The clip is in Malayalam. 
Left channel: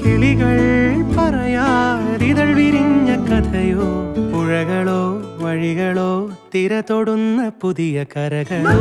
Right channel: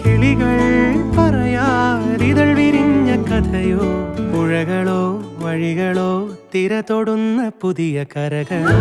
കിളികൾ പറയാതിതൾ വിരിഞ്ഞ കഥയോ പുഴകളോ വഴികളോ തിര തൊടുന്ന പുതിയ കരകളോ